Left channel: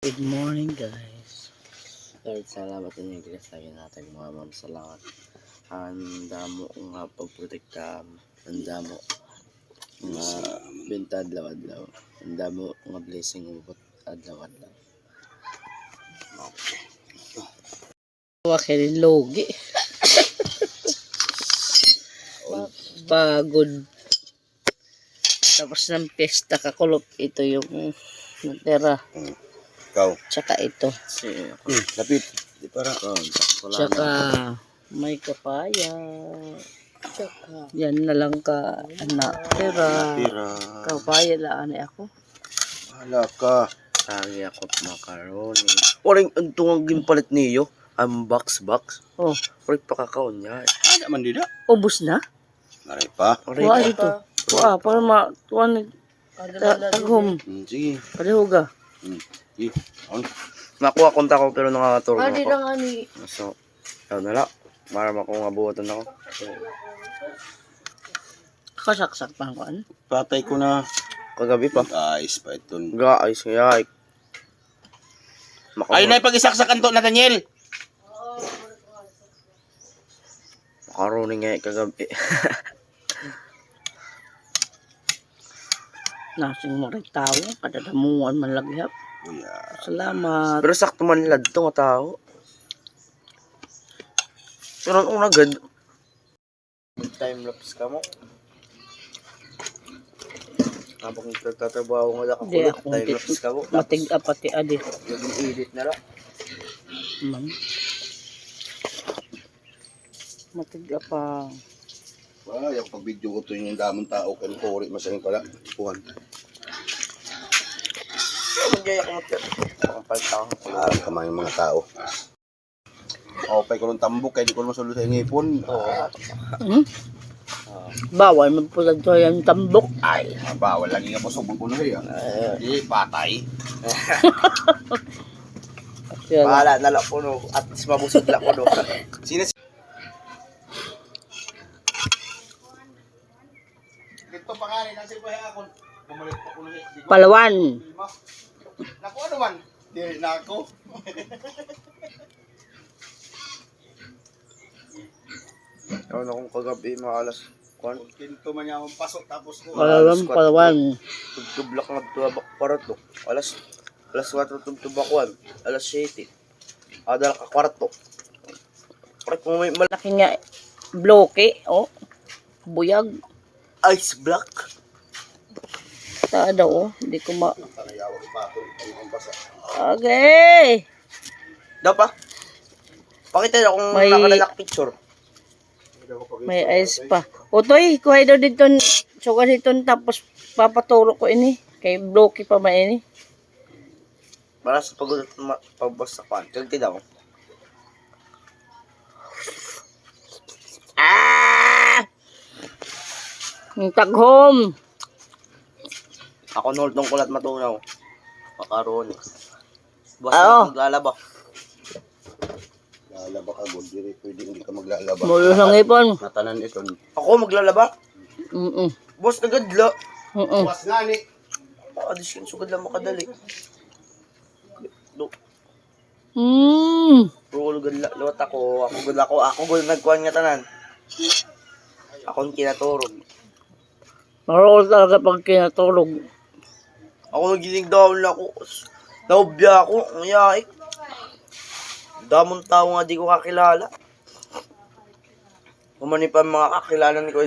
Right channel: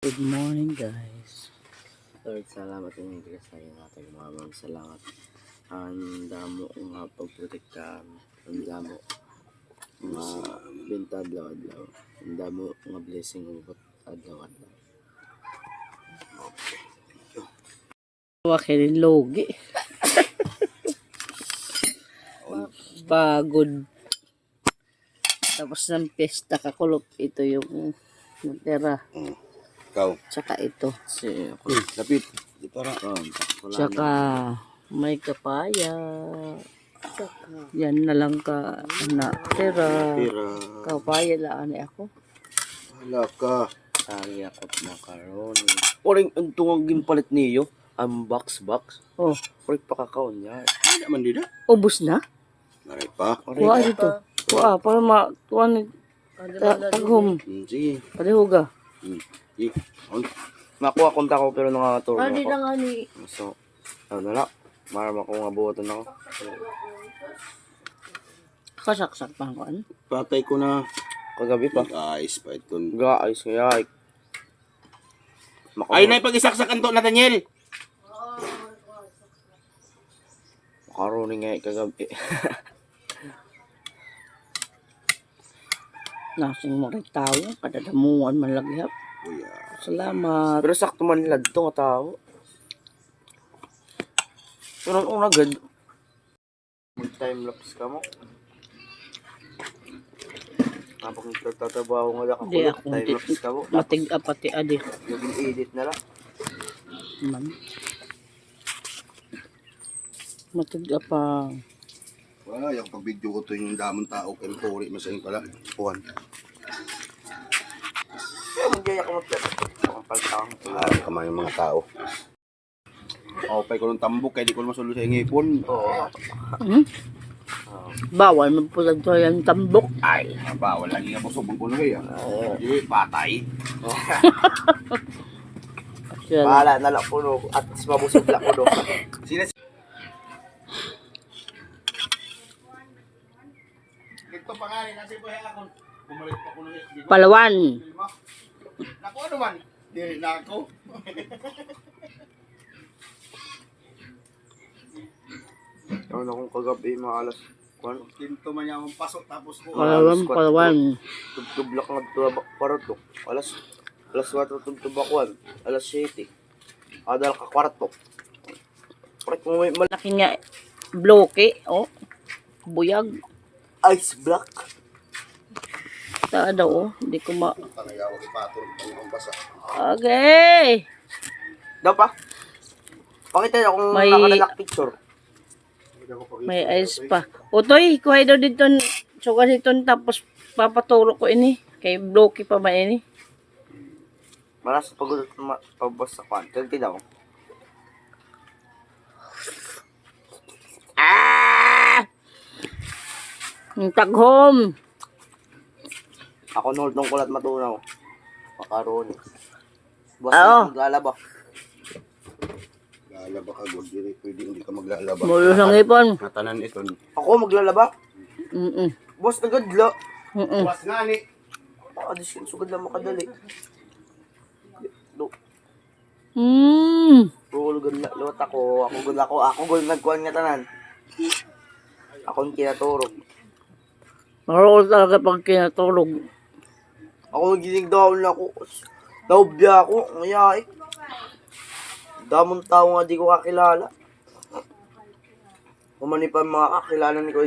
Good morning guys. Lord, salamat sa inyo sa akin natin mga ma'am. Salamat. Ang damo nga pagprotekta. Ang damo nga benta adlaw-adlaw. Ang damo nga blessing ubot adlaw-adlaw. Okay. Wakil logi. Pagod. Tapos ng pesta kakulop. Ito yung natira. Ikaw. Tsaka ito. Si, Hmm, lapit. Di para. Tsaka may kapaya. Yan na lang ka na pera. Tira. Kapaya laan eh ako. Hala ka. Sagi ako macaroni. Oring ang tungang gimpalit niyo. Ang box box. Oh, oring pakakaon niya. Ano naman dito? Ubus na? Maray pa. Kuha dito. Kuha para ma tuwan taghom. Hmm, sige. Palihuga. Ang. Nakuha konta ko pero nangangaturo Hindi ako. na nga ni... So, ano na lang. Para ako nga buhatan ako. Kasaksak pa ako. Ano? Patay ko na. Kagabi pa. Ayos pa ito. Guys, kaya ay. Ay, na pag-isaksakan to, Nathaniel. Makaroni nga eh, kagabi. Nasing mo rin tao, kadadamuan man laghap. Kuya. Salamat. Pero sakto man lad to nga tao. Pero ang agad. Time lapse ka mo. Habang nagtatrabaho nga ako, Hindi ako, time hindi. lapse ka mo. Matig apati adi. Naging edit na lang. Ma'am. Matig apa. Ah, yung pag-video ko to yung damang tao. Kaya tori, masayang pala. Kuhan. Magyaya ko. Ang. Ah, kamay yung mga tao. Okay ko ng tambok, kaya di ko naman sulo sa ngipon. Oo. Hmm? Bawal magpulag to yung tambok. Ay. Ah, bawal lagi nga po subong ko na eh. ah. Di, patay. Siya lang. Bahala na lang po no. At least mabusog lang ko no. Sino Dito pa nga rin, nasa iba ako. Bumalik pa ko ba? Palawan. Naku, ano man? Di, na ako. Ano na kung kagabi mga alas. Kwan. Tinto man niya akong pasok tapos ko. Palawan, palawan. Tugtublak nga tubak kwarto. Alas alas 4 tugtubakuan. Alas 7. Adal ka kwarto. Pare kung may mal- Laki nga bloke. Oh. Buyag. Ice block. Ta daw oh. Hindi ko ma... Okay. Daw pa. Pakita na kung May- nakalak picture. May ice pa. Utoy, kuhay daw dito. Suga dito tapos papaturo ko ini. Kay bloke pa ba ini? Para sa pagod pabas sa kwan. Kagti daw. Ah! Ang taghom. Ako nol tong kulat matunaw. Makaroni. Boss, Oo. maglalaba. Lalaba ka, good. Di, pwede hindi ka maglalaba. Mulo sa ngipon. Natanan ito. Ako maglalaba. Mm-mm. Boss, nagadla. Mm-mm. Mas nga ni. Pakadiskin sugad lang makadali. Do, Mm. Bro, gud la luwat ako. Ako gud ako. Ako gud nagkuhan nga tanan. Ako ang kinaturog. Marol talaga pag kinatulog. Ako magiling down lang ako. Naubya ako. Ang yaik. Damong tao nga di ko kakilala. Umani pa mga kakilala ni ko